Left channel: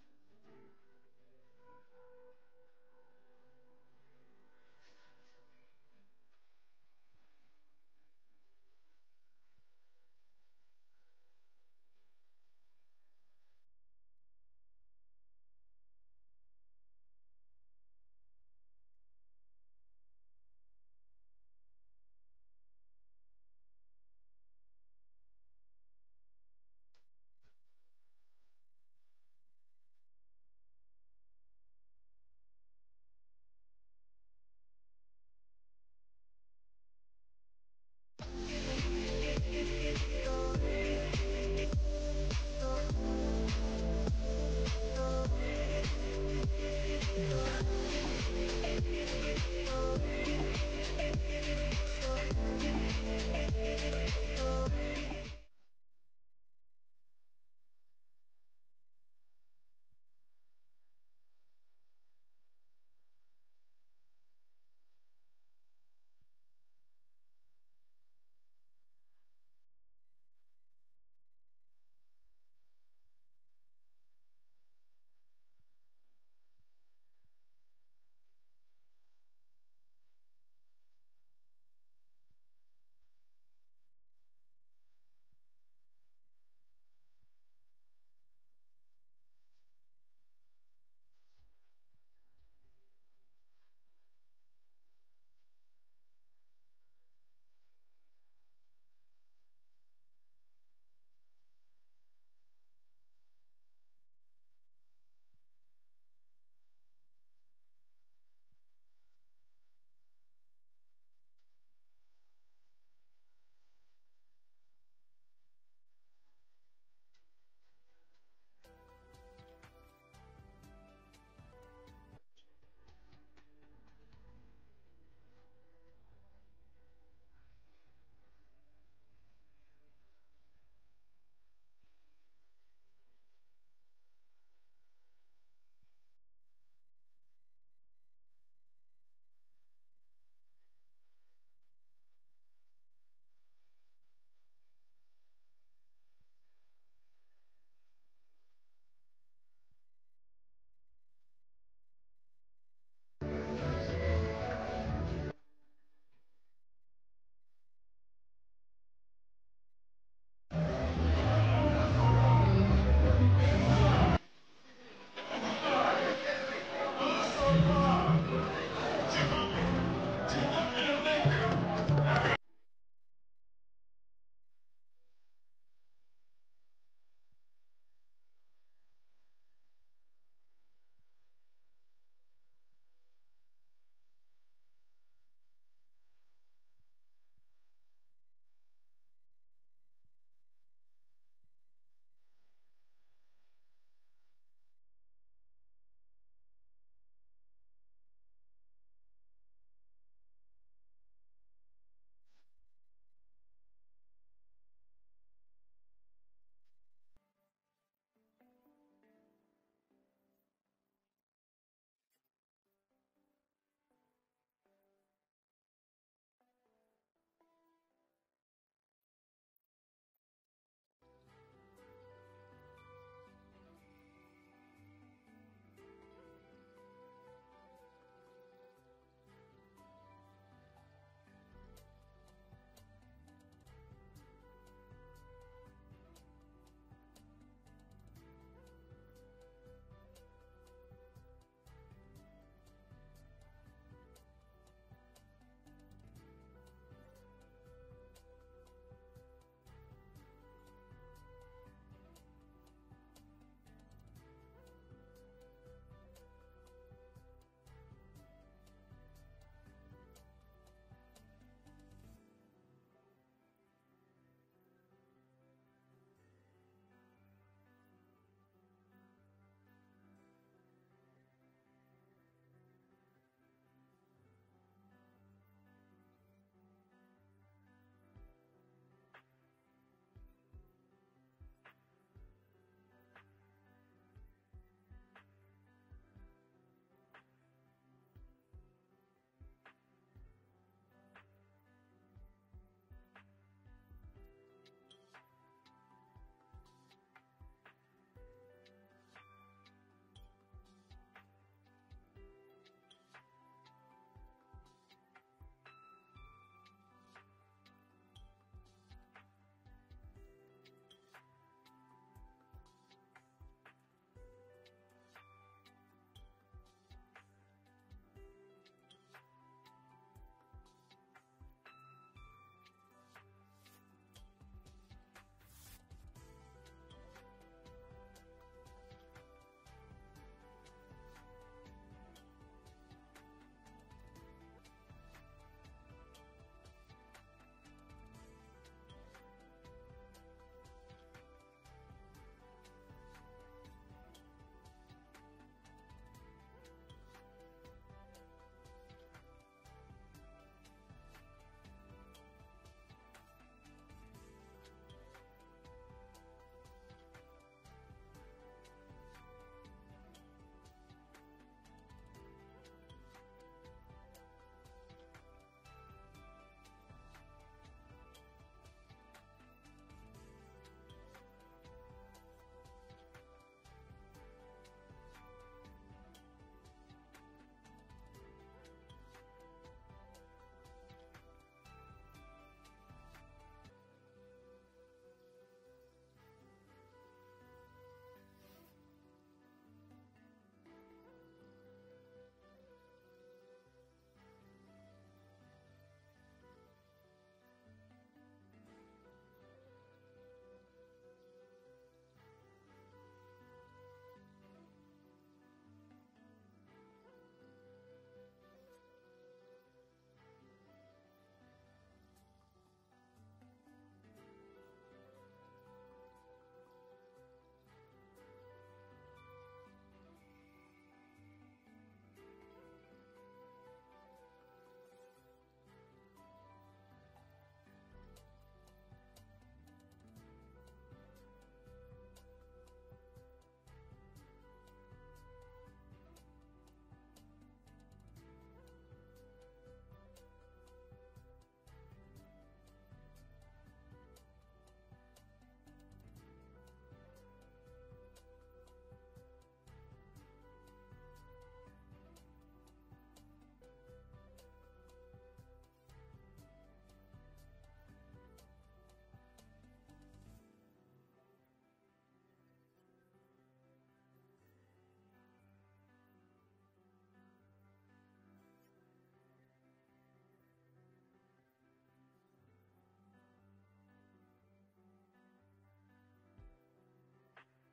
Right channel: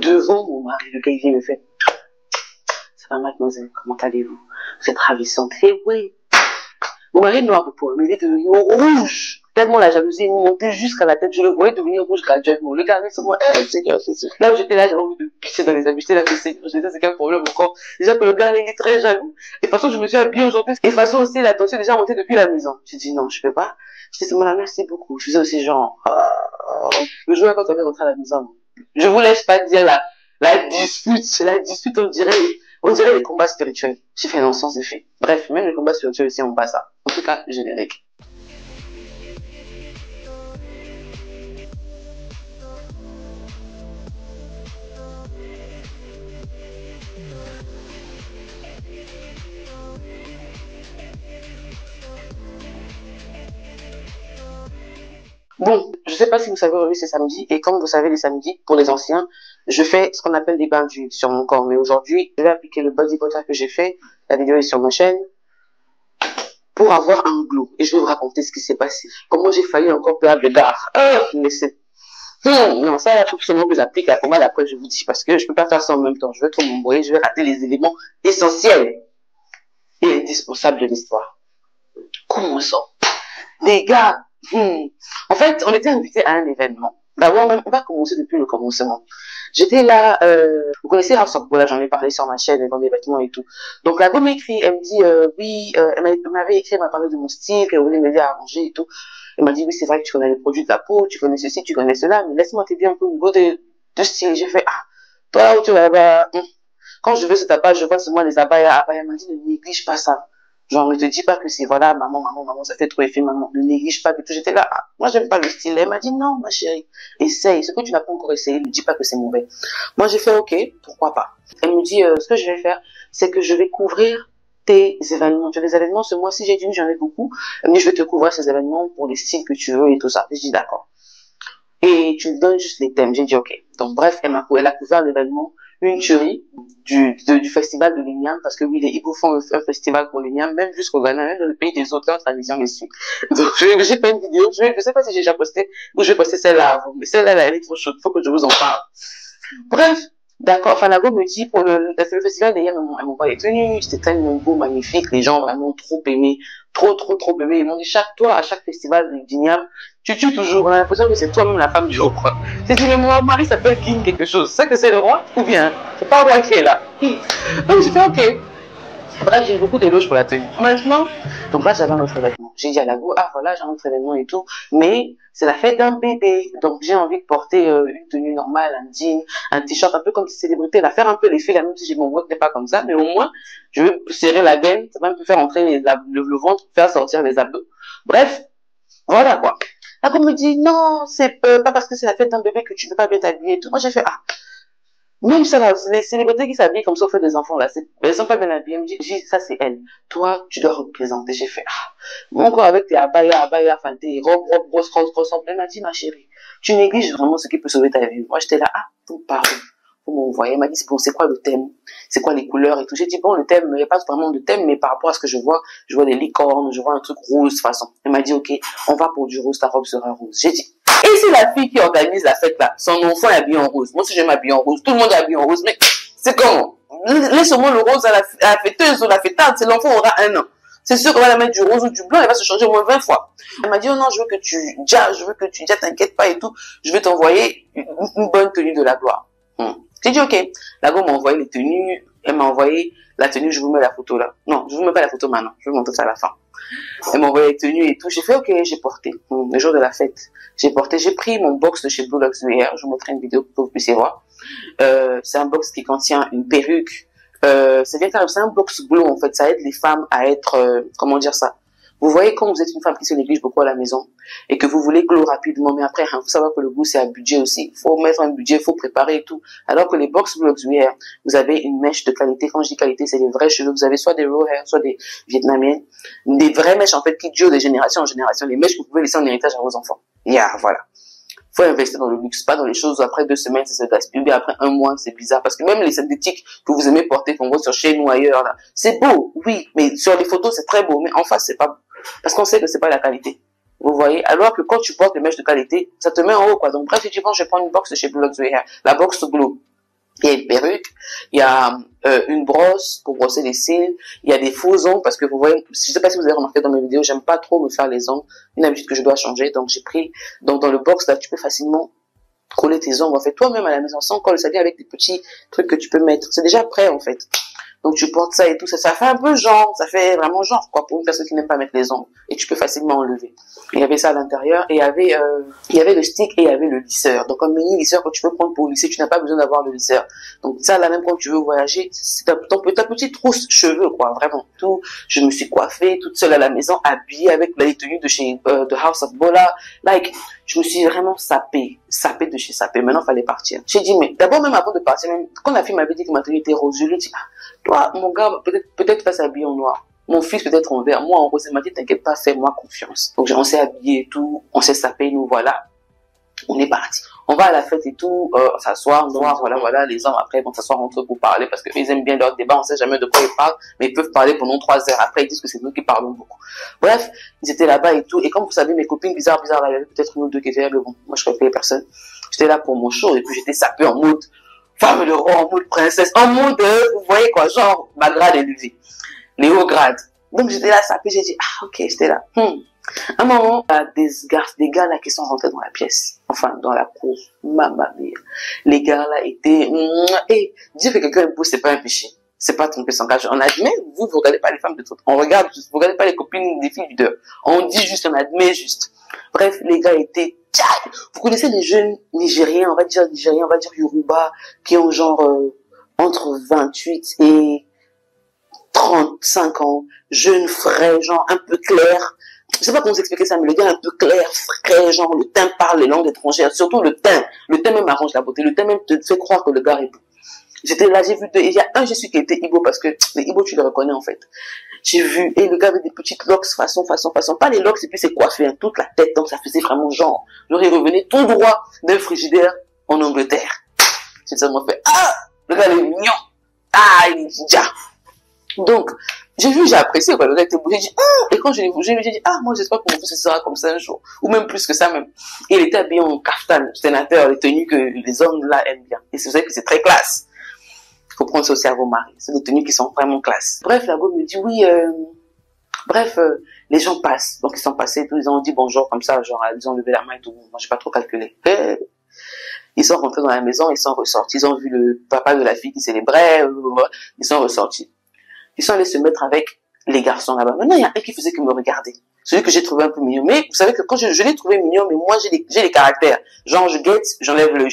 devant mon mari, le gars, il vient me faire, ça va mademoiselle, comment allez-vous? Vous êtes ravissante. Et oui. Mon mari est noir de peau, mais il est devenu rouge. Tellement la jalousie est montée jusqu'à la tête, je le voyais devenir rouge graduellement. Le gars, c'est moi, Seigneur, c'est sûr. Là où j'étais là, j'ai envie de pisser dans les habits. J'étais là, Seigneur, c'est quel problème encore. Déjà que le gars, il est très jaloux. Et de toute façon, je me suis habillée aujourd'hui. Et de toute façon aussi, la tension est déjà montée depuis la maison. J'ai dit non, je peux pas. Je dis, merci beaucoup. Je faisais aussi genre, le jour quand on est rentré à la maison. Je vous laisse pas dire la dispute, on dirait les combats spirituels. J'ai fait non, sans effet. Bref, même les combats spirituels aussi, on passe ça. En tout cas, générique. Bon, je sais pas si vous savez, aujourd'hui c'est samedi, et comme vous savez, les samedis, pour les anciens, je fais ce qu'on appelle des bains d'huile sur mon corps. Mais aujourd'hui, je vais appliquer le body butter que j'ai fait, la vidéo est sur ma chaîne, pour avoir un glow. Et je vais vous raconter ce qui s'est passé. Comment j'ai failli encore perdre le dard. Mais c'est... non, ça, il faut absolument que j'applique la pommade, après je vous dis, parce que je peux pas faire ça en même temps. Je vais trop m'embrouiller, je vais rater les éléments essentiels et indispensables de l'histoire. Comment ça? Les gars, en fait, on était invités à un événement. D'abord, on va commencer depuis le commencement. J'étais là, vous connaissez House of Bola, j'en ai parlé sur ma chaîne, dans des vêtements et tout. Donc, la go m'écrit, elle me dit, oui, elle m'avait écrit, elle m'a parlé de mon style, qu'elle voulait m'aider à arranger et tout. Elle m'a dit, oui, c'est vrai que tu connais les produits de la peau, tu connais ceci, tu connais cela, mais laisse-moi t'aider un peu au niveau de style. J'ai fait, toi, où tu vas, quand je veux ce tapage, je vois seulement les abayas. Elle m'a dit, ne néglige pas ça. Genre, ne te dis pas que c'est, voilà, maman, ça fait trop effet, maman. Ne néglige pas que tout. J'étais là, moi, j'aime pas le style. Elle m'a dit, non, ma chérie, essaye. Ce que tu n'as pas encore essayé, ne dis pas que c'est mauvais. Moi, j'ai fait, ok, pourquoi pas. Elle me dit, ce que je vais faire, c'est que je vais couvrir tes événements. Tu as des événements ce mois-ci, j'ai dit, j'en ai beaucoup. Elle me dit, je vais te couvrir ces événements pour les styles que tu veux et tout ça. J'ai dit, d'accord. Et tu me donnes juste les thèmes. J'ai dit, ok. Donc, bref, elle a couvert l'événement, une tuerie du festival de l'Igname, parce que oui, les Igbos font un festival pour l'Igname, même jusqu'au Ghana, même dans le pays des auteurs, tradition ici. Donc, j'ai fait une vidéo, je sais pas si j'ai déjà posté, ou je vais poster celle-là avant, mais celle-là, elle est trop chaude, faut que je vous en parle. Bref, d'accord, enfin, la go me dit, pour le festival d'hier, elle m'envoie les tenues, c'était tellement beau, magnifique, les gens vraiment trop aimés, trop aimés. Ils m'ont dit, à chaque festival d'Igname, tu tues toujours, on a l'impression que c'est toi-même la femme du roi. C'est dit, mais mon mari s'appelle King quelque chose. C'est que c'est le roi ou bien c'est pas le roi qui est là. Donc j'ai fait ok. Bref, j'ai beaucoup d'éloges pour la tenue. Maintenant, donc là j'avais un autre événement. J'ai dit à la go, voilà, j'ai un autre événement et tout, mais c'est la fête d'un bébé. Donc j'ai envie de porter une tenue normale, un jean, un t-shirt, un peu comme une célébrité, la faire un peu l'effet, même si mon voix n'est pas comme ça, mais au moins je veux serrer la gaine, ça va me faire entrer le ventre, faire sortir les abdos. Bref, voilà quoi. La go me dit, non, c'est pas parce que c'est la fête d'un bébé que tu ne peux pas bien t'habiller et tout. Moi, j'ai fait, même ça, là, les célébrités qui s'habillent comme ça, au fait des enfants, là, elles sont pas bien habillées. Elle me dit, ça, c'est elle. Toi, tu dois représenter. J'ai fait, mon corps avec tes abaya, enfin, tes robes, grosses, elle m'a dit, ma chérie, tu négliges vraiment ce qui peut sauver ta vie. Moi, j'étais là, pardon. Vous m'envoyez. Elle m'a dit, bon, c'est quoi le thème? C'est quoi les couleurs et tout? J'ai dit, bon, le thème, il n'y a pas vraiment de thème, mais par rapport à ce que je vois des licornes, je vois un truc rose, de toute façon. Elle m'a dit, ok, on va pour du rose, ta robe sera rose. J'ai dit, et c'est la fille qui organise la fête là, son enfant est habillé en rose. Moi aussi, je m'habille en rose. Tout le monde est habillé en rose, mais c'est comment? Laisse-moi le rose à la fêteuse ou la fêtarde, c'est l'enfant aura 1 an. C'est sûr qu'on va la mettre du rose ou du blanc, elle va se changer au moins 20 fois. Elle m'a dit, oh non, je veux que tu t'inquiète pas et tout. Je vais t'envoyer une bonne tenue de la gloire. J'ai dit, ok. La go m'a envoyé les tenues. Elle m'a envoyé la tenue, je vous mets la photo là. Non, je vous mets pas la photo maintenant. Je vais vous montrer ça à la fin. Elle m'a envoyé les tenues et tout. J'ai fait, ok, j'ai porté. Le jour de la fête, j'ai pris mon box de chez Blue Lux VR. Je vous mettrai une vidéo pour que vous puissiez voir. C'est un box qui contient une perruque. C'est un box bleu en fait. Ça aide les femmes à être, comment dire ça? Vous voyez, quand vous êtes une femme qui se néglige beaucoup à la maison et que vous voulez glow rapidement, mais après, il faut savoir que le goût, c'est un budget aussi. Il faut mettre un budget, il faut préparer et tout. Alors que les box Blue Lux VR, vous avez une mèche de qualité. Quand je dis qualité, c'est des vrais cheveux. Vous avez soit des raw hair, soit des vietnamiennes. Des vraies mèches, en fait, qui durent de génération en génération. Les mèches que vous pouvez laisser en héritage à vos enfants. Voilà. Faut investir dans le luxe, pas dans les choses où après 2 semaines, ça se gaspille, mais après 1 mois, c'est bizarre. Parce que même les synthétiques que vous aimez porter, qu'on voit sur chez nous ailleurs, là, c'est beau, oui, mais sur les photos, c'est très beau, mais en face, c'est pas beau. Parce qu'on sait que c'est pas la qualité. Vous voyez? Alors que quand tu portes des mèches de qualité, ça te met en haut, quoi. Donc, bref, je dis, bon, je vais prendre une box de chez Blue Lux VR, la box Glow. Il y a une perruque, il y a une brosse pour brosser les cils, il y a des faux ongles parce que vous voyez, je sais pas si vous avez remarqué dans mes vidéos, j'aime pas trop me faire les ongles, une habitude que je dois changer, donc j'ai pris, donc dans le box là, tu peux facilement coller tes ongles en fait toi-même à la maison sans colle, ça vient avec des petits trucs que tu peux mettre, c'est déjà prêt en fait. Donc tu portes ça et tout, ça fait un peu genre, ça fait vraiment genre quoi pour une personne qui n'aime pas mettre les ongles et tu peux facilement enlever. Il y avait ça à l'intérieur et il y avait le stick et il y avait le lisseur. Donc un mini lisseur que tu peux prendre pour lisser, tu n'as pas besoin d'avoir le lisseur. Donc ça là même quand tu veux voyager, c'est ta petite trousse cheveux quoi, vraiment tout. Je me suis coiffée toute seule à la maison, habillée avec les tenues de chez The House of Bola, like je me suis vraiment sapée de chez sapée. Maintenant, il fallait partir. J'ai dit, mais d'abord, même avant de partir, même quand la fille m'avait dit que ma tenue était rose, je lui ai dit, ah, toi, mon gars, peut-être va s'habiller en noir. Mon fils peut-être en vert. Moi, en rose, il m'a dit, t'inquiète pas, fais-moi confiance. Donc, on s'est habillé et tout, on s'est sapé, nous voilà. On est parti. On va à la fête et tout, s'asseoir, voir, voilà, les hommes après vont s'asseoir entre eux pour parler parce qu'ils aiment bien leur débat, on sait jamais de quoi ils parlent, mais ils peuvent parler pendant 3 heures. Après, ils disent que c'est nous qui parlons beaucoup. Bref, ils étaient là-bas et tout, et comme vous savez, mes copines bizarres, là, il y avait peut-être une ou deux qui étaient là, mais bon, moi je réveillais personne. J'étais là pour mon show, et puis j'étais sapée en mode femme de roi, en mode princesse, en mode, vous voyez quoi, genre, ma grade élevée, les hauts grades. Donc j'étais là sapée, j'ai dit, ah ok, j'étais là. À un moment, des gars là qui sont rentrés dans la pièce, enfin dans la cour, mamma mia. Les gars là étaient, et dire que quelqu'un est beau, c'est pas un péché, c'est pas tromper son gage. On admet, vous regardez pas les femmes de tout, on regarde, vous regardez pas les copines des filles du dehors. On dit juste, on admet juste. Bref, les gars étaient, vous connaissez les jeunes Nigériens, on va dire Yoruba, qui ont genre entre 28 et 35 ans, jeunes frais, genre un peu clairs. Je sais pas comment vous expliquer ça, mais le gars un peu clair, frais, genre le teint parle les langues étrangères, surtout le teint même arrange la beauté, le teint même te fait croire que le gars est beau. J'étais là, j'ai vu deux, il y a un Jésus qui était Igbo parce que les Igbo tu les reconnais en fait. J'ai vu, et le gars avait des petites locks façon, pas les locks et puis c'est coiffé, hein, toute la tête, donc ça faisait vraiment genre, il revenait tout droit d'un frigidaire en Angleterre. J'ai seulement fait, ah, le gars il est mignon, ah, il est déjà. Donc, j'ai apprécié, quoi, le gars était beau, j'ai dit, ah, et quand je l'ai bougé, j'ai dit, ah, moi j'espère que mon fils sera comme ça un jour, ou même plus que ça même. Et il était habillé en kaftan, sénateur, les tenues que les hommes là aiment bien. Et c'est vrai que c'est très classe. Il faut prendre ça aussi à vos maris. C'est des tenues qui sont vraiment classe. Bref, la go me dit, oui, les gens passent. Donc ils sont passés, tout, ils ont dit bonjour comme ça, genre, ils ont levé la main et tout. Moi, j'ai pas trop calculé. Ils sont rentrés dans la maison, ils sont ressortis, ils ont vu le papa de la fille qui célébrait, ils sont ressortis. Ils sont allés se mettre avec les garçons là-bas. Maintenant, il y a un qui faisait que me regarder. Celui que j'ai trouvé un peu mignon. Mais vous savez que quand je l'ai trouvé mignon, mais moi, j'ai les caractères. Genre, je guette, j'enlève le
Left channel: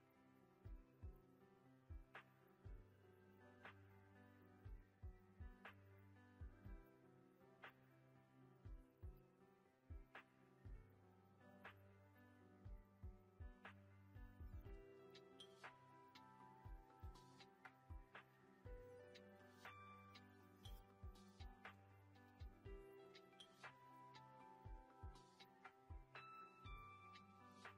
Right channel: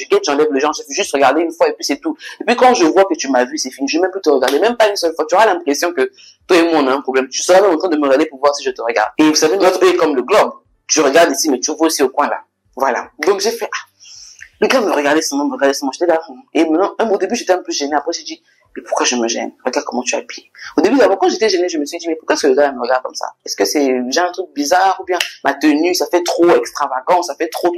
genre, je fais juste regarder une fois et puis c'est tout. Et puis quand je vois que tu m'as vu, c'est fini. Je vais même plus te regarder, même pas une seule fois. Tu auras l'impression que toi et moi, on a un problème. Tu seras même en train de me regarder pour voir si je te regarde. Et vous savez, notre œil est comme le globe. Tu regardes ici, mais tu vois aussi au coin là. Voilà. Donc j'ai fait, le gars me regardait seulement, j'étais là. Et maintenant, au début, j'étais un peu gênée. Après, j'ai dit, mais pourquoi je me gêne? Regarde comment tu es habillé. Au début, d'abord, quand j'étais gênée, je me suis dit, mais pourquoi ce gars me regarde comme ça? Est-ce que c'est j'ai un truc bizarre ou bien ma tenue, ça fait trop extravagant, ça fait trop.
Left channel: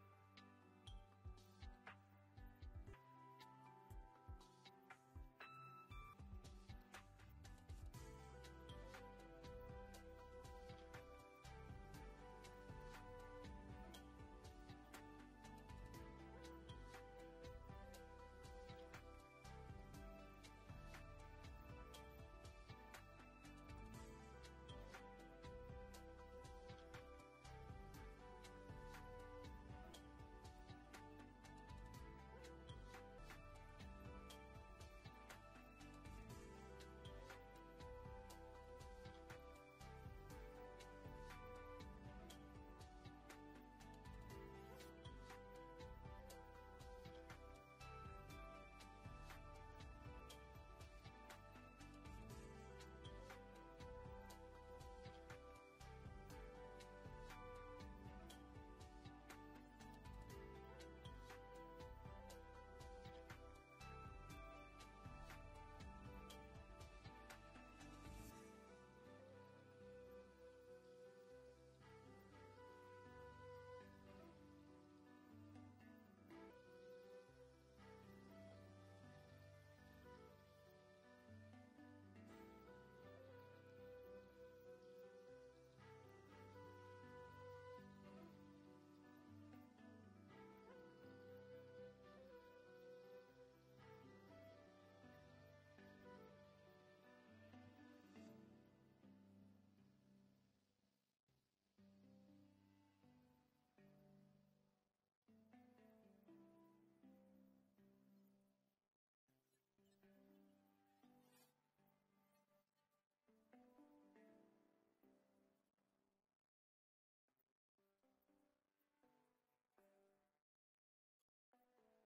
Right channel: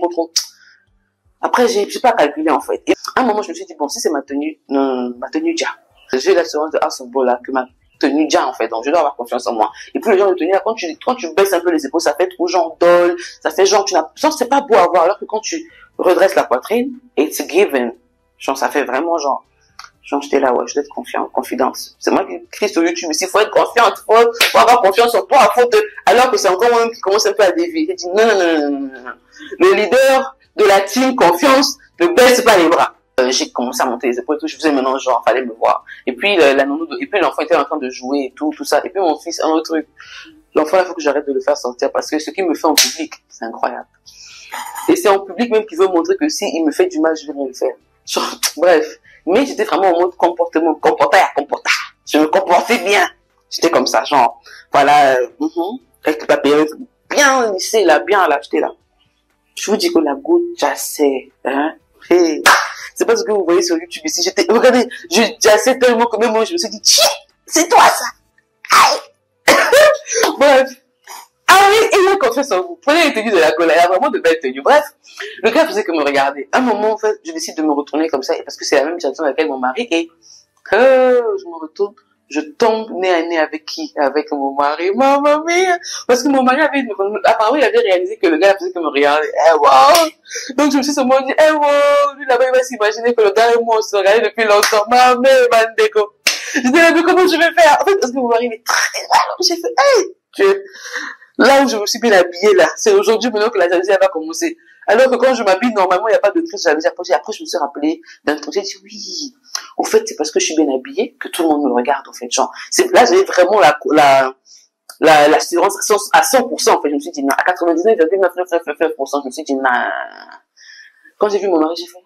Après, j'ai pas calculé en fait. Et à un moment, je me suis dit, bon, si c'est ma tenue déjà. J'ai l'assurance de House of Bola que ma tenue déjà en fait, donc je dois avoir confiance en moi. Et puis le genre de tenue, là, quand tu baisses un peu les épaules, ça fait trop genre dol, ça fait genre, genre c'est pas beau à voir, alors que quand tu redresses la poitrine, it's given. Genre, ça fait vraiment genre, j'étais là, ouais, je dois être confiant, confidence. C'est moi qui crie sur YouTube, mais s'il faut être confiant, faut avoir confiance en toi, alors que c'est encore moi qui commence un peu à dévier. J'ai dit, non. Le leader de la team confiance ne baisse pas les bras. J'ai commencé à monter les épaules et tout, je faisais maintenant genre, fallait me voir. Et puis, l'enfant était en train de jouer et tout ça. Et puis mon fils, un autre truc. L'enfant, il faut que j'arrête de le faire sortir parce que ce qu'il me fait en public, c'est incroyable. Et c'est en public même qu'il veut montrer que si il me fait du mal, je vais rien le faire. Genre, bref. Mais j'étais vraiment en mode comportement. Je me comportais bien. J'étais comme ça, genre, voilà, avec la période bien lissée, là, bien là, j'étais là. Je vous dis que la goutte jassait, hein. Hey. C'est pas ce que vous voyez sur YouTube ici. Regardez, je jassais tellement que même moi, je me suis dit, tiens, c'est toi ça. Aïe. Bref. Ah oui, il a confiance en vous. Prenez les tenues de la colère, il y a vraiment de belles tenues. Bref, le gars faisait que me regarder. À un moment, en fait, je décide de me retourner comme ça, parce que c'est la même direction dans laquelle mon mari est. Je me retourne, je tombe nez à nez avec qui? Avec mon mari. Maman mia! Parce que mon mari apparemment, il avait réalisé que le gars faisait que me regarder. Eh wow! Donc, je me suis seulement dit, eh wow! Lui, là-bas, il va s'imaginer que le gars et moi, on se regardait depuis longtemps. Maman, bandeko. Je disais, mais comment je vais faire? En fait, parce que mon mari, il est très mal. J'ai fait, hey! Là où je me suis bien habillée, là, c'est aujourd'hui maintenant que la jalousie, elle va commencer. Alors que quand je m'habille, normalement, il n'y a pas de crise de jalousie. Après, je me suis rappelée d'un truc. J'ai dit, oui, au fait, c'est parce que je suis bien habillée que tout le monde me regarde, en fait. Genre, là, j'ai vraiment l'assurance à 100%, en fait. Je me suis dit, non, à 99,99999%, je me suis dit, non. Quand j'ai vu mon mari, j'ai fait,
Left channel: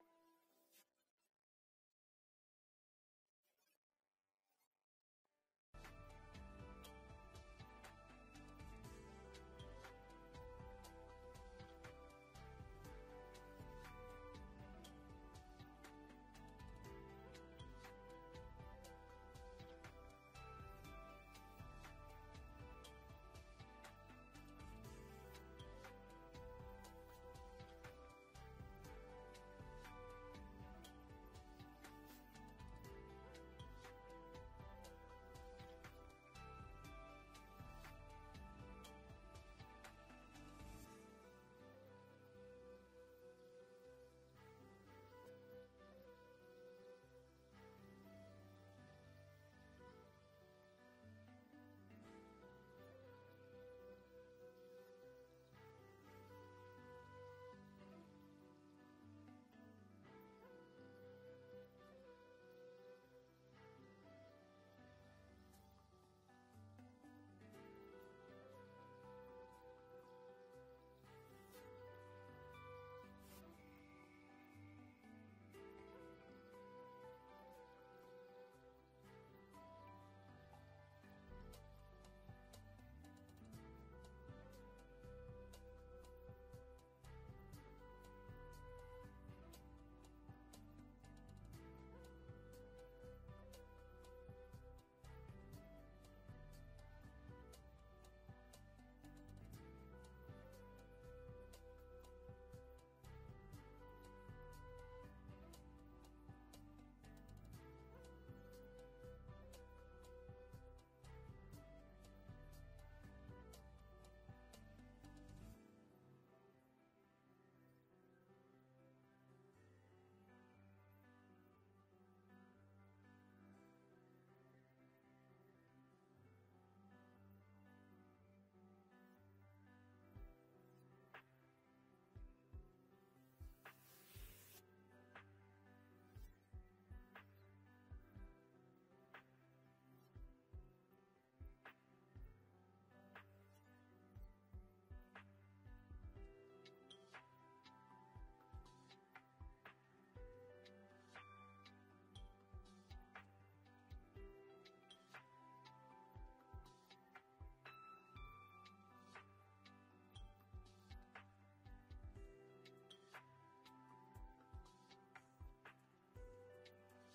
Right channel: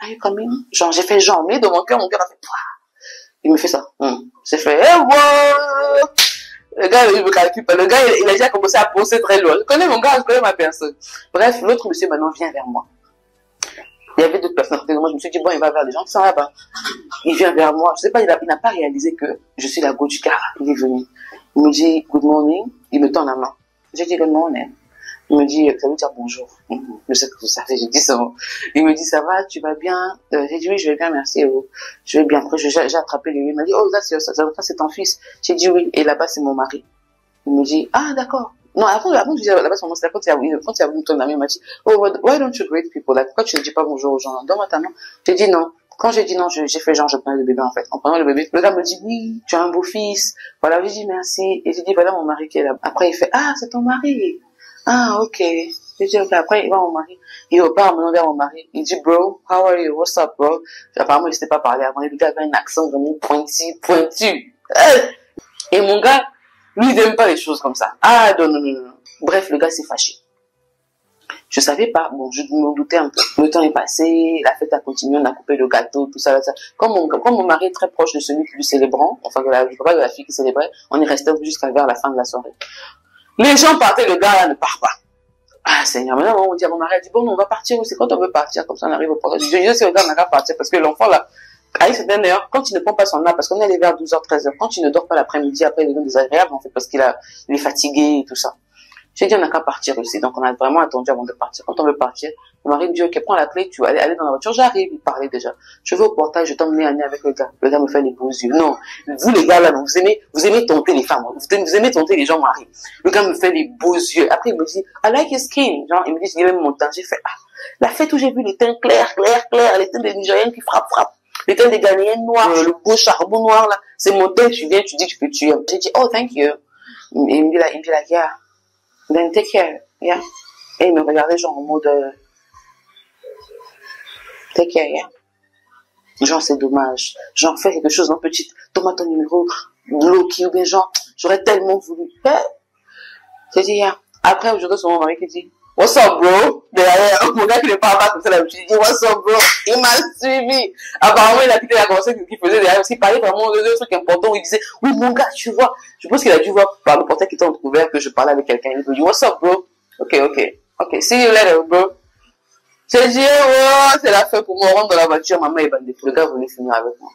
are you coming? Genre, j'ai fait genre, mais dans mon cœur a fait, pouah. Il me fait ça. J'ai fait, hey, wow! Le gars, il me calcule pas. Le gars, il a déjà commencé à penser très loin. Je connais mon gars, je connais ma personne. Bref, l'autre monsieur maintenant vient vers moi. Il y avait d'autres personnes à côté de moi. Je me suis dit, bon, il va vers les gens qui sont là-bas. Il vient vers moi. Je sais pas, il n'a pas réalisé que je suis la go du gars. Il est venu. Il me dit, good morning. Il me tend la main. J'ai dit, good morning. Il me dit, ça veut dire bonjour. Je sais que vous savez, j'ai dit ça. Il me dit, ça va, tu vas bien? J'ai dit, oui, je vais bien, merci. Je vais bien. Après, j'ai attrapé lui. Il m'a dit, oh, là, c'est ton fils. J'ai dit, oui. Et là-bas, c'est mon mari. Il me dit, ah, d'accord. Non, avant, je disais, là-bas, c'est mon mari. Quand il a voulu me tourner la main, il m'a dit, oh, why don't you greet people? Là, pourquoi tu ne dis pas bonjour aux gens? Donne-moi ta main. J'ai dit non. Quand j'ai dit non, j'ai fait genre, je prenais le bébé, en fait. En prenant le bébé, le gars me dit, oui, tu as un beau fils. Voilà, j'ai dit merci. Et j'ai dit, voilà mon mari qui est là. Après, il fait, ah, c'est ton mari. Ah, ok. J'ai dit, ok. Après, il va mon mari. Il repart maintenant vers mon mari. Il dit, bro, how are you? What's up, bro? Apparemment, il ne s'était pas parlé avant. Le gars avait un accent vraiment pointu. Et mon gars, lui, il n'aime pas les choses comme ça. Ah, non. Bref, le gars s'est fâché. Je savais pas, bon, je me doutais un peu. Le temps est passé, la fête a continué, on a coupé le gâteau, tout ça, ça. Comme mon mari est très proche de celui qui lui célébrant, enfin, du papa de la fille qui célébrait, on est resté jusqu'à vers la fin de la soirée. Les gens partaient, le gars là ne part pas. Ah, Seigneur, maintenant, on dit à mon mari, elle dit, bon, on va partir, c'est quand on veut partir, comme ça on arrive au port. Je dis, c'est le gars, on n'a qu'à partir, parce que l'enfant là, à une certaine heure, quand il ne prend pas son âme, parce qu'on est allé vers 12h, 13h, quand il ne dort pas l'après-midi, après il devient désagréable, en fait, parce il est fatigué et tout ça. J'ai dit, on n'a qu'à partir aussi. Donc, on a vraiment attendu avant de partir. Quand on veut partir, mon mari me dit, ok, prends la clé, tu vas aller dans la voiture. J'arrive, il parlait déjà. Je vais au portail, je t'emmène à nez avec le gars. Le gars me fait les beaux yeux. Non, vous les gars là, non, vous aimez tenter les femmes. Vous aimez tenter les gens mariés. Le gars me fait les beaux yeux. Après, il me dit, I like his skin. Genre, il me dit, il aime mon teint. J'ai fait, ah, la fête où j'ai vu les teints clairs, les teints des Nigériennes qui frappent. Les teints des Ghanéennes noirs, le beau charbon noir là. C'est mon teint, tu viens, tu dis que tu aimes. J'ai dit, oh, thank you. Et il me dit là, yeah. Then take care, yeah. Et il me regardait genre en mode take care, yeah. Genre c'est dommage. Genre fais quelque chose, non petite. Donne-moi ton numéro, Loki ou bien genre j'aurais tellement voulu. J'ai dit yeah. Après aujourd'hui c'est mon mari qui dit what's up bro. Derrière mon gars qui ne parle pas comme ça là, je lui dis what's up bro. Il m'a suivi. Apparemment il a quitté la conversation qu'il faisait derrière parce qu'il parlait vraiment de trucs importants où il disait oui mon gars tu vois. Je pense qu'il a dû voir par le portail qui était entrouvert que je parlais avec quelqu'un. Il me dit what's up bro. Ok, see you later bro. J'ai dit oh c'est la fin pour moi, on rentre dans la voiture, maman est bandée. Le gars voulait finir avec moi.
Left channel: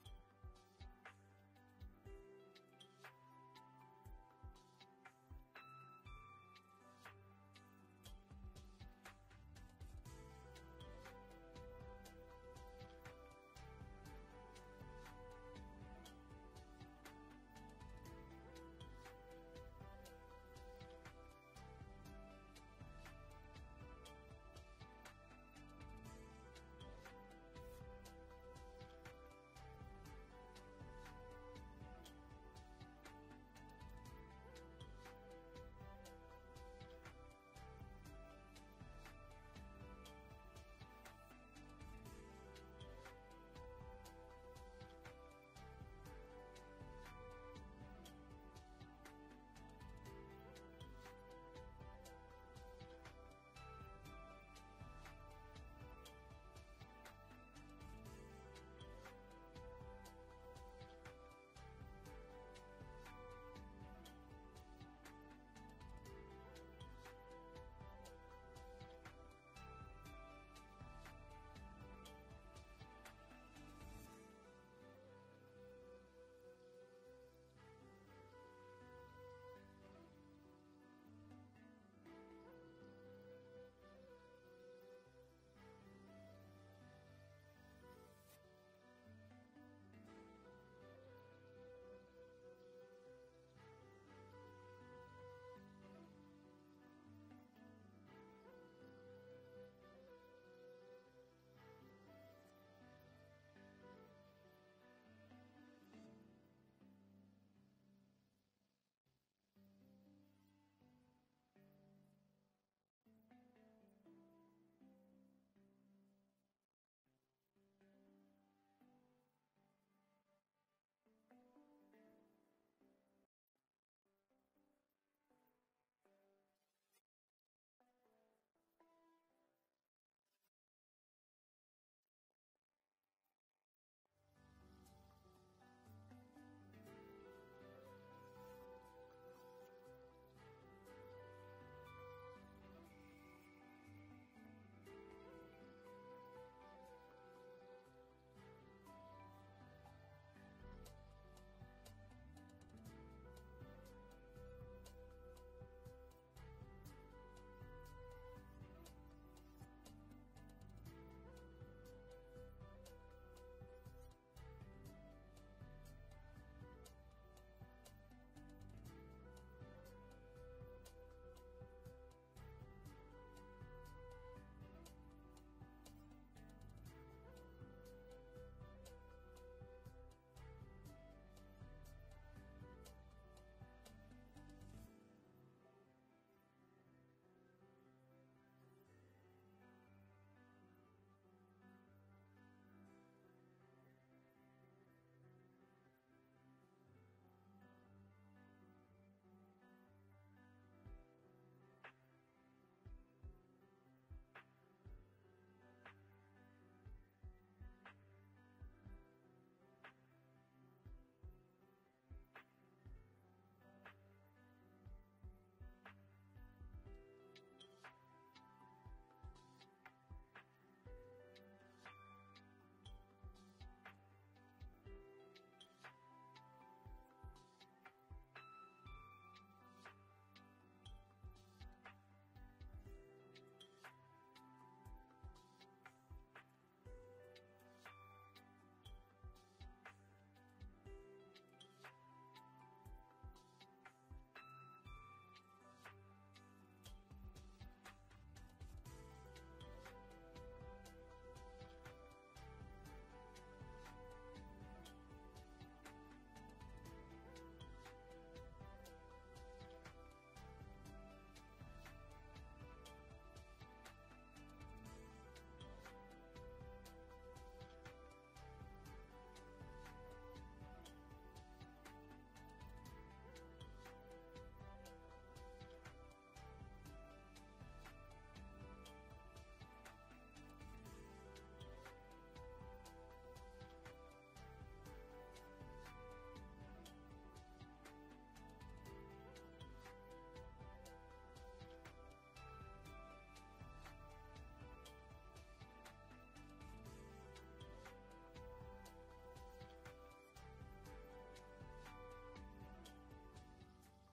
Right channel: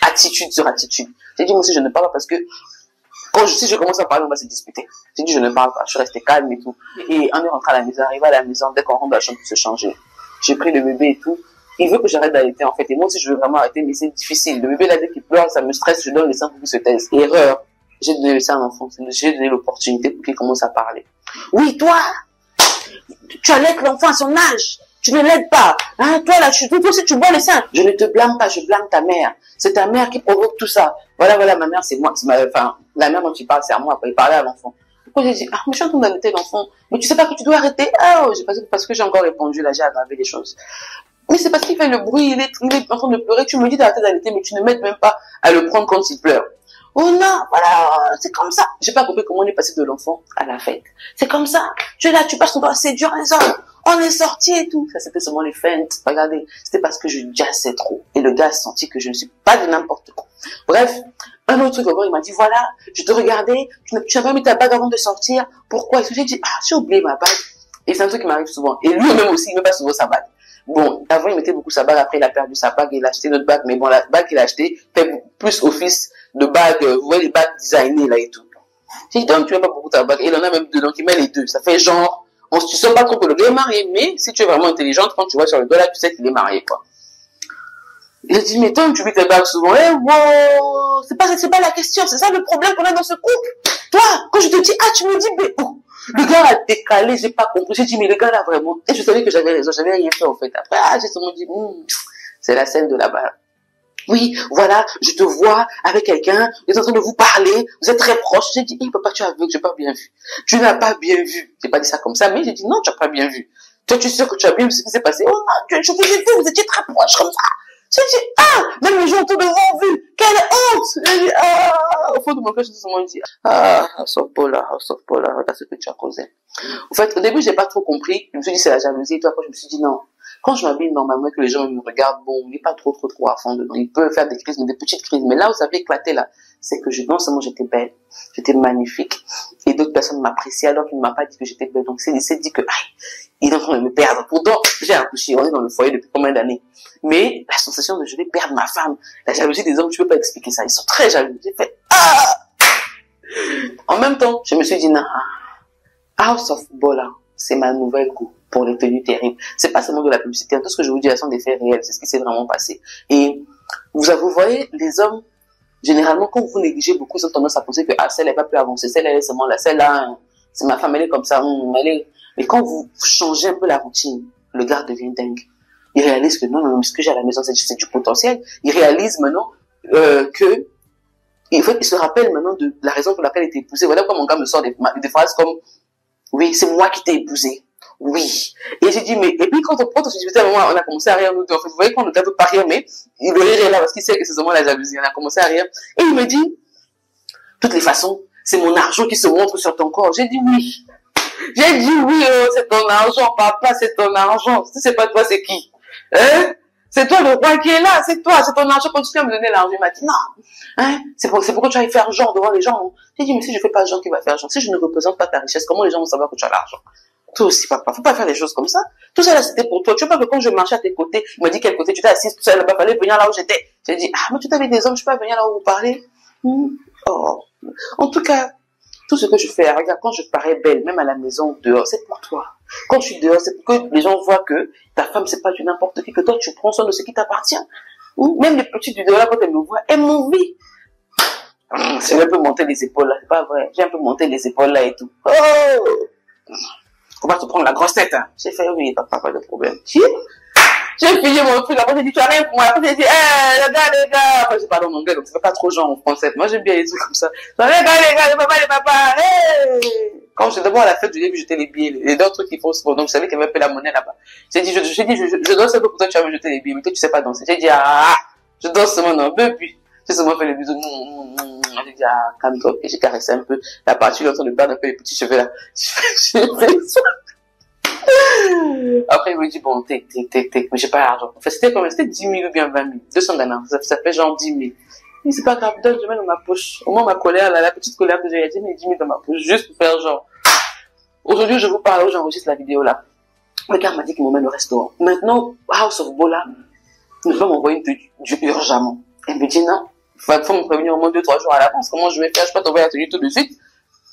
Attitude sur attitude. J'ai dit moi aussi je ne parle pas parce que si je commence à parler, on va se disputer. J'ai dit, je ne parle pas. Je suis restée calme et tout. Et on est rentré à la maison, arrivé à la maison, dès qu'on rentre dans la chambre pour se changer. J'ai pris le bébé et tout. Il veut que j'arrête d'allaiter, en fait. Et moi aussi, je veux vraiment arrêter, mais c'est difficile. Le bébé, là, dès qu'il pleure, ça me stresse. Je donne le sein pour qu'il se taise. Erreur. J'ai donné le sein à l'enfant. J'ai donné l'opportunité pour qu'il commence à parler. Oui, toi, tu allaites l'enfant à son âge. Tu ne l'aides pas. Hein, toi, là, toi aussi, tu bois le sein. Je ne te blâme pas, je blâme ta mère. C'est ta mère qui provoque tout ça. Voilà, ma mère, c'est moi. Enfin, la mère dont tu parles, c'est à moi. Après, il parlait à l'enfant. Pourquoi j'ai dit, ah, mais je suis en train d'arrêter l'enfant. Mais tu sais pas que tu dois arrêter. Ah, oh, parce que j'ai encore répondu, là, j'ai aggravé les choses. Mais c'est parce qu'il fait le bruit, il est en train de pleurer. Tu me dis d'arrêter d'allaiter, mais tu ne m'aides même pas à le prendre quand il pleure. Oh non, voilà, c'est comme ça. J'ai pas compris comment on est passé de l'enfant à la fête. C'est comme ça. Tu es là, tu passes ton temps à séduire les hommes. On est sortis et tout. Ça, c'était seulement les feintes. Regardez, c'était parce que je jassais trop. Et le gars a senti que je ne suis pas de n'importe quoi. Bref, un autre truc encore, il m'a dit, voilà, je te regardais, tu n'as pas mis ta bague avant de sortir. Pourquoi? Et j'ai dit, ah, j'ai oublié ma bague. Et c'est un truc qui m'arrive souvent. Et lui-même aussi, il ne met pas souvent sa bague. Bon, avant, il mettait beaucoup sa bague. Après, il a perdu sa bague et il a acheté une autre bague. Mais bon, la bague qu'il a achetée fait plus office de bague, vous voyez, les bagues designées là et tout. J'ai dit, donc, tu n'aimes pas beaucoup ta bague. Et il en a même deux, donc il met les deux. Ça fait genre, tu ne sais pas trop que le gars est marié, mais si tu es vraiment intelligente, quand tu vois sur le doigt là, tu sais qu'il est marié, quoi. J'ai dit, mais toi, tu mets tes bagues souvent. Eh, wow! oh, c'est pas la question, c'est ça le problème qu'on a dans ce couple. Toi, quand je te dis, ah, tu me dis, mais oh, le gars a décalé, j'ai pas compris. J'ai dit, mais le gars là, vraiment. Et je savais que j'avais raison, j'avais rien fait, en fait. Après, ah, j'ai seulement dit, c'est la scène de là-bas. Oui, voilà, je te vois avec quelqu'un, vous êtes en train de vous parler, vous êtes très proches. J'ai dit, papa, tu as vu que j'ai pas bien vu. Tu n'as pas bien vu. J'ai pas dit ça comme ça, mais j'ai dit, non, tu as pas bien vu. Toi, tu sais que tu as bien vu ce qui s'est passé. Oh non, je vous ai vu, vous étiez très proches comme ça. J'ai dit, ah, même les gens autour de vous ont vu. Quelle honte. J'ai dit, ah, au fond de mon cœur, je me suis dit, ah, House of Paula, regarde ce que tu as causé. En fait, au début, j'ai pas trop compris. Je me suis dit, c'est la jalousie. Et puis après, je me suis dit, non. Quand je m'habille normalement, que les gens me regardent, bon, il n'est pas trop à fond dedans. Il peut faire des crises, mais des petites crises. Mais là où ça avait éclaté, là, c'est que non seulement j'étais belle, j'étais magnifique, et d'autres personnes m'appréciaient alors qu'il ne m'a pas dit que j'étais belle. Donc, il s'est dit que, il est en train de me perdre. Pourtant, j'ai accouché, on est dans le foyer depuis combien d'années. Mais la sensation de je vais perdre ma femme, la jalousie des hommes, tu peux pas expliquer ça. Ils sont très jaloux. J'ai fait, ah! En même temps, je me suis dit, non, House of Bola, c'est ma nouvelle coupe pour les tenues terribles. C'est pas seulement de la publicité. Tout ce que je vous dis, ce sont des faits réels. C'est ce qui s'est vraiment passé. Et vous voyez, les hommes, généralement, quand vous négligez beaucoup, ils ont tendance à penser que, ah, celle n'est pas plus avancée, celle elle est seulement là, celle-là, c'est ma femme, elle est comme ça, elle est... Mais quand vous changez un peu la routine, le gars devient dingue. Il réalise que non, ce que j'ai à la maison, c'est du potentiel. Il réalise maintenant que, en fait, il se rappelle maintenant de la raison pour laquelle il était épousé. Voilà pourquoi mon gars me sort des phrases comme, oui, c'est moi qui t'ai épousé. Oui. Et j'ai dit, mais, et puis quand on se disputait, on a commencé à rire, nous deux. En fait, vous voyez qu'on ne peut pas rire, mais il le rire est là parce qu'il sait que c'est seulement la jalousie. On a commencé à rire. Et il me dit, de toutes les façons, c'est mon argent qui se montre sur ton corps. J'ai dit oui. J'ai dit oui, c'est ton argent, papa, c'est ton argent. Si c'est pas toi, c'est qui? Hein? C'est toi le roi qui est là, c'est toi, c'est ton argent. Continue à me donner l'argent. Il m'a dit non. Hein? C'est pourquoi tu vas faire genre devant les gens. J'ai dit, mais si je fais pas genre qui va faire genre, si je ne représente pas ta richesse, comment les gens vont savoir que tu as l'argent? Toi aussi, papa, faut pas faire des choses comme ça. Tout ça là, c'était pour toi. Tu vois pas que quand je marchais à tes côtés, il m'a dit quel côté tu t'es assise tout seul là-bas, fallait venir là où j'étais. J'ai dit, ah, mais tu t'avais des hommes, je peux pas venir là où vous parlez. Oh. En tout cas, tout ce que je fais, regarde, quand je parais belle, même à la maison, dehors, c'est pour toi. Quand je suis dehors, c'est pour que les gens voient que ta femme, c'est pas du n'importe qui, que toi, tu prends soin de ce qui t'appartient. Même les petites du dehors, là, quand elles me voient, elles m'envient. J'ai un peu monté les épaules là, c'est pas vrai. J'ai un peu monté les épaules là et tout. Oh! Faut pas te prendre la grosse tête, hein. J'ai fait, oui, papa, pas de problème. J'ai fini mon truc, après j'ai dit, tu as rien pour moi. Après j'ai dit, les gars. Après j'ai parlé en anglais, donc c'est pas trop genre en français. Moi j'aime bien les trucs comme ça. Les gars, les papas, hey! Quand j'étais d'abord à la fête, je lui ai vu jeter les billets, les deux trucs qui font sport. Donc je savais qu'il y avait un peu la monnaie là-bas. J'ai dit, je danse un peu pour toi, tu vas me jeter les billets, mais toi tu sais pas danser. J'ai dit, je danse seulement un peu, puis j'ai seulement fait les bisous. J'ai dit, calme-toi, et j'ai caressé un peu la partie, là, en train de perdre un peu les petits cheveux là. J'ai fait ça. Après, il me dit, bon, mais j'ai pas l'argent. En fait, c'était combien? C'était 10 000 ou bien 20 000. 200 Ghana. Ça fait genre 10 000. Mais c'est pas grave, je mets dans ma poche. Au moins, ma colère, là, la petite colère que j'ai dit, mais 10 000 dans ma poche. Juste pour faire genre. Aujourd'hui, je vous parle, j'enregistre la vidéo là. Le gars m'a dit qu'il m'emmène au restaurant. Maintenant, House of Bola, nous devons m'envoyer du urgemment. Elle me dit, non, il faut me prévenir au moins 2-3 jours à l'avance. Comment je vais faire? Je peux t'envoyer la tenue tout de suite.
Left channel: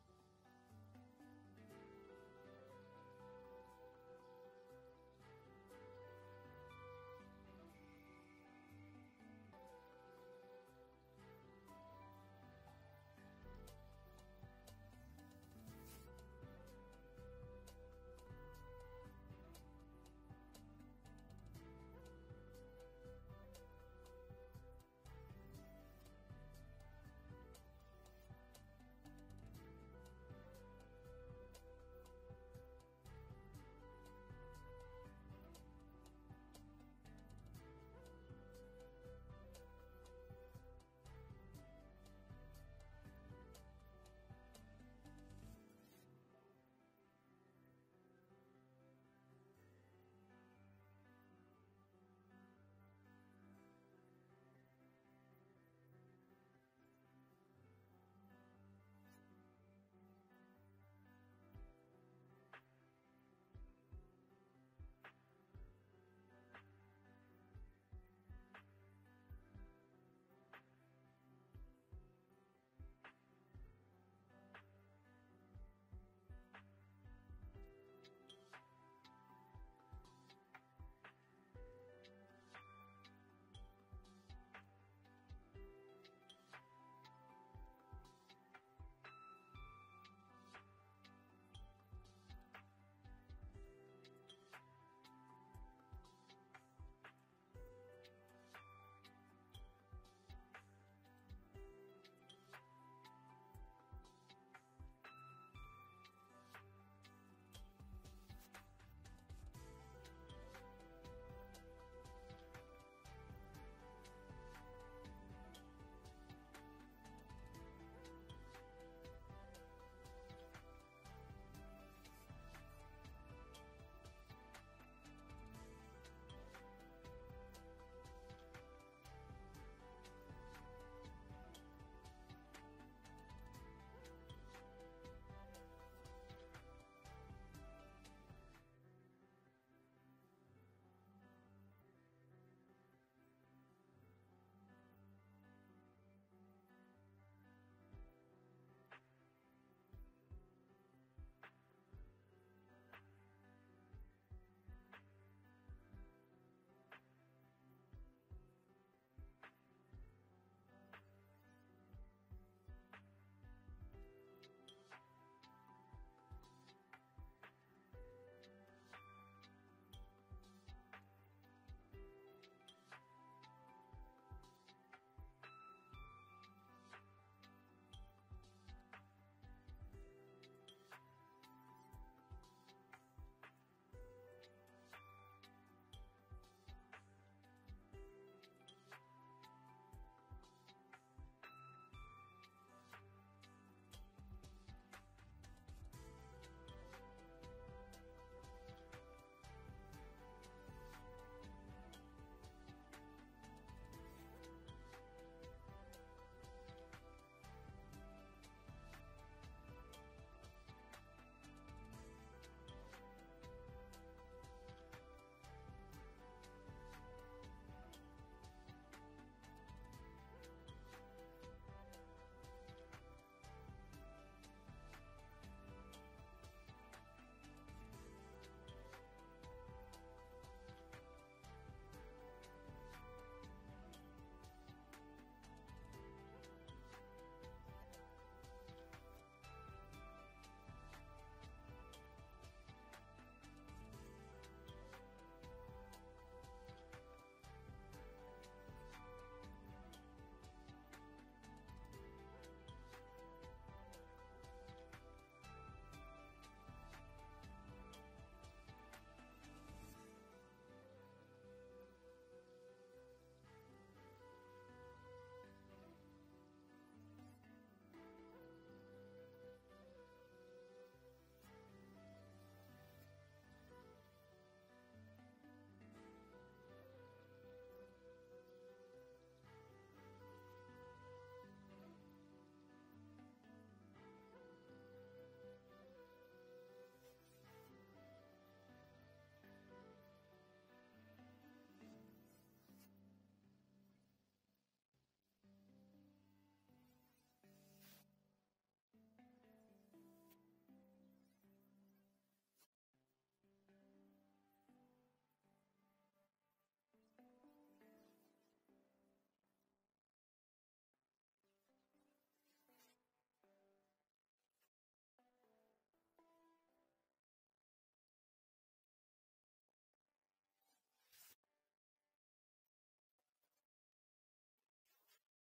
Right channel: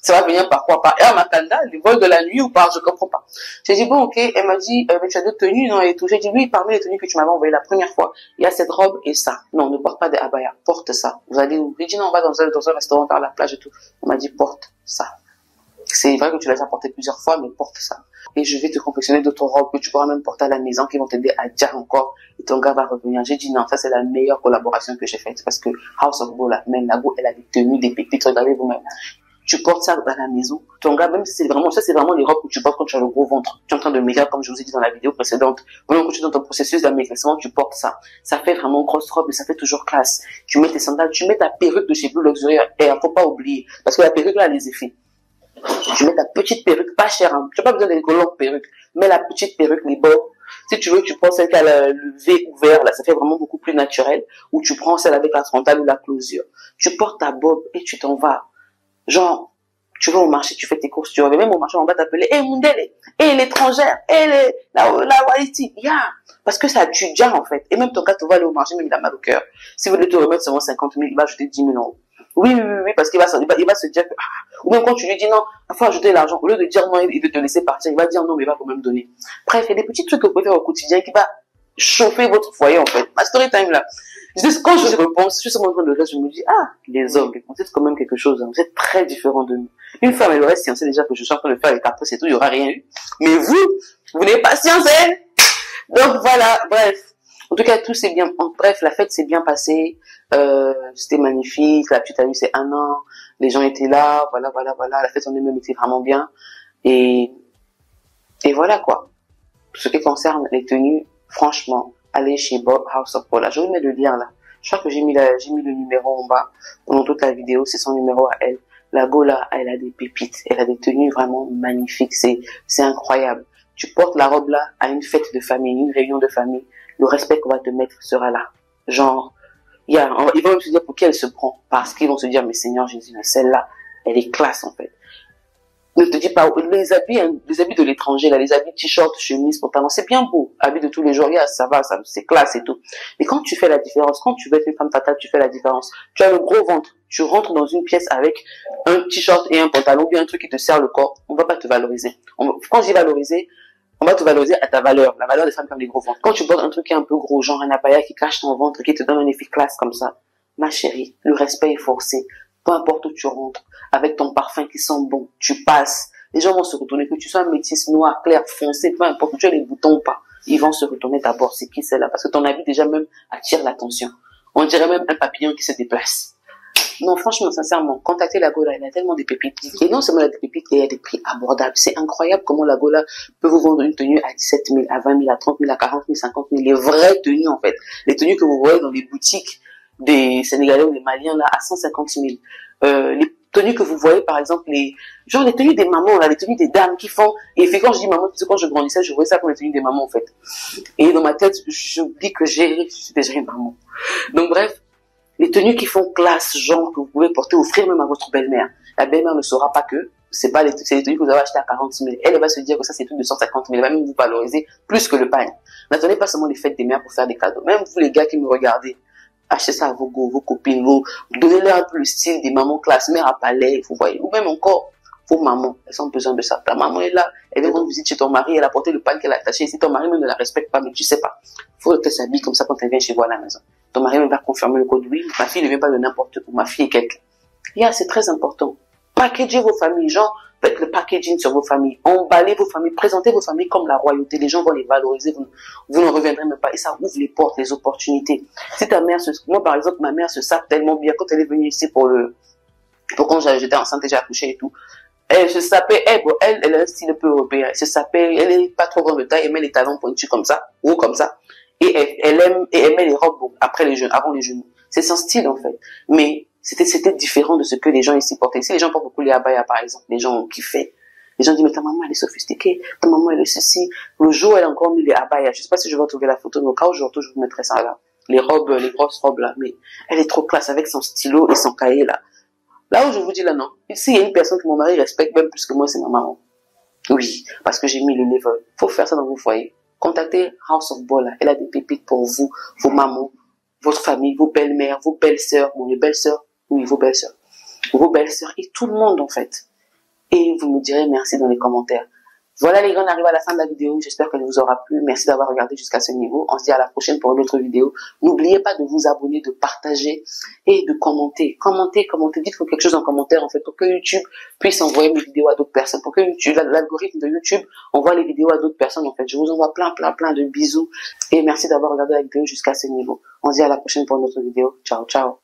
Ça va venir par quoi? Par Air Makanda, les vols de la nuit ou par, je comprends pas. J'ai dit, bon, ok. Elle m'a dit, mais tu as d'autres tenues, non? Et tout. J'ai dit, oui, parmi les tenues que tu m'avais envoyées la première fois, il y a cette robe et ça. Non, ne porte pas des abaya. Porte ça. Vous allez où? J'ai dit, non, on va dans un restaurant vers la plage et tout. On m'a dit, porte ça. C'est vrai que tu l'as déjà porté plusieurs fois, mais porte ça. Et je vais te confectionner d'autres robes que tu pourras même porter à la maison qui vont t'aider à dire encore. Et ton gars va revenir. J'ai dit, non, ça c'est la meilleure collaboration que j'ai faite. Parce que House of Bola, même la go, elle a des tenues, des pépites. Regardez vous-même. Tu portes ça à la maison. Ton gars, même si c'est vraiment, ça c'est vraiment les robes que tu portes quand tu as le gros ventre. Tu es en train de maigrir, comme je vous ai dit dans la vidéo précédente. Pendant que tu es dans ton processus d'amaigrissement, tu portes ça. Ça fait vraiment grosse robe, mais ça fait toujours classe. Tu mets tes sandales, tu mets ta perruque de chez Blue Luxury. Et faut pas oublier. Parce que la perruque là a les effets. Tu mets ta petite perruque, pas chère, hein. Tu n'as pas besoin d'une longue perruque. Mets la petite perruque, les bords. Si tu veux, tu prends celle qui a le V ouvert, là, ça fait vraiment beaucoup plus naturel. Ou tu prends celle avec la frontale ou la closure. Tu portes ta bob et tu t'en vas. Genre, tu vas au marché, tu fais tes courses, tu reviens même au marché, on va t'appeler, Mundele, l'étrangère, la Waliti, parce que ça tue déjà, en fait. Et même ton gars te va aller au marché, même il a mal au cœur. Si vous voulez te remettre seulement 50 000, il va ajouter 10 000 euros. Oui, parce qu'il va se dire que, ou même quand tu lui dis non, il faut ajouter l'argent, au lieu de dire non, il veut te laisser partir, il va dire non, mais il va quand même donner. Bref, il y a des petits trucs que vous pouvez faire au quotidien qui va chauffer votre foyer, en fait. Ma story time, là. Quand je repense, je suis en train de rire, je me dis, ah, les hommes, vous êtes quand même quelque chose, hein. Vous êtes très différents de nous. Une femme, elle aurait sciencé déjà que je suis en train de faire les caprices et tout, il n'y aura rien eu. Mais vous n'avez pas sciencé. Donc voilà, bref. En tout cas, tout s'est bien, bref, la fête s'est bien passée, c'était magnifique, la petite amie c'est 1 an, les gens étaient là, voilà, la fête en elle-même était vraiment bien, et voilà quoi. Pour ce qui concerne les tenues, franchement, allez chez Bob House of Paula, je vous mets le lien là, je crois que j'ai mis le numéro en bas, pendant toute la vidéo, c'est son numéro à elle. La go là, elle a des pépites, elle a des tenues vraiment magnifiques, c'est incroyable. Tu portes la robe là à une fête de famille, une réunion de famille, le respect qu'on va te mettre sera là. Genre, ils vont même se dire pour qui elle se prend, parce qu'ils vont se dire, mais Seigneur Jésus, celle-là, elle est classe en fait. Ne te dis pas, les habits de l'étranger, là, les habits t-shirt, chemise, pantalon, c'est bien beau. Habits de tous les jours, ça va, c'est classe et tout. Mais quand tu fais la différence, quand tu veux être une femme fatale, tu fais la différence. Tu as le gros ventre, tu rentres dans une pièce avec un t-shirt et un pantalon, ou bien un truc qui te serre le corps, on va pas te valoriser. Quand je dis valoriser, on va te valoriser à ta valeur, la valeur des femmes qui ont des gros ventres. Quand tu portes un truc qui est un peu gros, genre un abaya qui cache ton ventre, qui te donne un effet classe comme ça, ma chérie, le respect est forcé. Peu importe où tu rentres, avec ton parfum qui sent bon, tu passes. Les gens vont se retourner, que tu sois un métis noir, clair, foncé, peu importe, que tu as les boutons ou pas. Ils vont se retourner d'abord, c'est qui celle-là? Parce que ton habit déjà même attire l'attention. On dirait même un papillon qui se déplace. Non, franchement, sincèrement, contactez la Gola, elle a tellement de pépites. Et non seulement elle a des pépites, elle a des prix abordables. C'est incroyable comment la Gola peut vous vendre une tenue à 17 000, à 20 000, à 30 000, à 40 000, 50 000. Les vraies tenues, en fait. Les tenues que vous voyez dans les boutiques des Sénégalais ou des Maliens, là, à 150 000. Les tenues que vous voyez, par exemple, les tenues des mamans, là, les tenues des dames qui font, et fait quand je dis maman, parce que quand je grandissais, je voyais ça comme les tenues des mamans, en fait. Et dans ma tête, je dis que je suis déjà une maman. Donc, bref, les tenues qui font classe, genre, que vous pouvez porter, offrir même à votre belle-mère. La belle-mère ne saura pas que c'est les tenues que vous avez achetées à 40 000. Elle va se dire que ça, c'est tout de 150 000. Elle va même vous valoriser plus que le pagne. N'attendez pas seulement les fêtes des mères pour faire des cadeaux. Même vous, les gars qui me regardez, achetez ça à vos copines, donnez-leur un peu le style des mamans classe, mère à palais, vous voyez. Ou même encore, vos mamans, elles ont besoin de ça. Ta maman est là, elle vient rendre visite chez ton mari, elle a porté le pagne qu'elle a attaché. Si ton mari même ne la respecte pas, mais tu sais pas. Faut qu'elle s'habille comme ça quand elle vient chez vous à la maison. Ton mari même va confirmer le code. Oui, ma fille ne vient pas de n'importe où. Ma fille est quelqu'un. C'est très important. Packagez vos familles, genre, faites le packaging sur vos familles. Emballez vos familles, présentez vos familles comme la royauté. Les gens vont les valoriser, vous ne reviendrez même pas. Et ça ouvre les portes, les opportunités. Si ta mère moi par exemple, ma mère se sape tellement bien quand elle est venue ici pour quand j'étais enceinte et j'ai accouché et tout. Elle se sapait, elle a un style un peu européen. Elle se sapait, elle est pas trop grande de taille, elle met les talons pointus comme ça, ou comme ça. Et elle met les robes avant les genoux. C'est son style, en fait. Mais c'était différent de ce que les gens ici portaient. Ici, les gens portent beaucoup les abayas, par exemple. Les gens ont kiffé. Les gens disent, mais ta maman, elle est sophistiquée. Ta maman, elle est ceci. Le jour, elle a encore mis les abayas. Je sais pas si je vais retrouver la photo, mais au cas où je retrouve, je vous mettrai ça là. Les robes, les grosses robes là. Mais elle est trop classe avec son stylo et son cahier là. Là où je vous dis là, non. Ici, il y a une personne que mon mari respecte même plus que moi, c'est ma maman. Oui, parce que j'ai mis le level. Faut faire ça dans vos foyers. Contactez House of Bola. Elle a des pépites pour vous, vos mamans, votre famille, vos belles-mères, vos belles-sœurs, les belles-sœurs, oui, vos belles-sœurs et tout le monde en fait. Et vous me direz merci dans les commentaires. Voilà les gars, on arrive à la fin de la vidéo. J'espère qu'elle vous aura plu. Merci d'avoir regardé jusqu'à ce niveau. On se dit à la prochaine pour une autre vidéo. N'oubliez pas de vous abonner, de partager et de commenter. Commentez. Dites quelque chose en commentaire en fait pour que YouTube puisse envoyer mes vidéos à d'autres personnes. Pour que l'algorithme de YouTube envoie les vidéos à d'autres personnes en fait. Je vous envoie plein de bisous. Et merci d'avoir regardé la vidéo jusqu'à ce niveau. On se dit à la prochaine pour une autre vidéo. Ciao, ciao.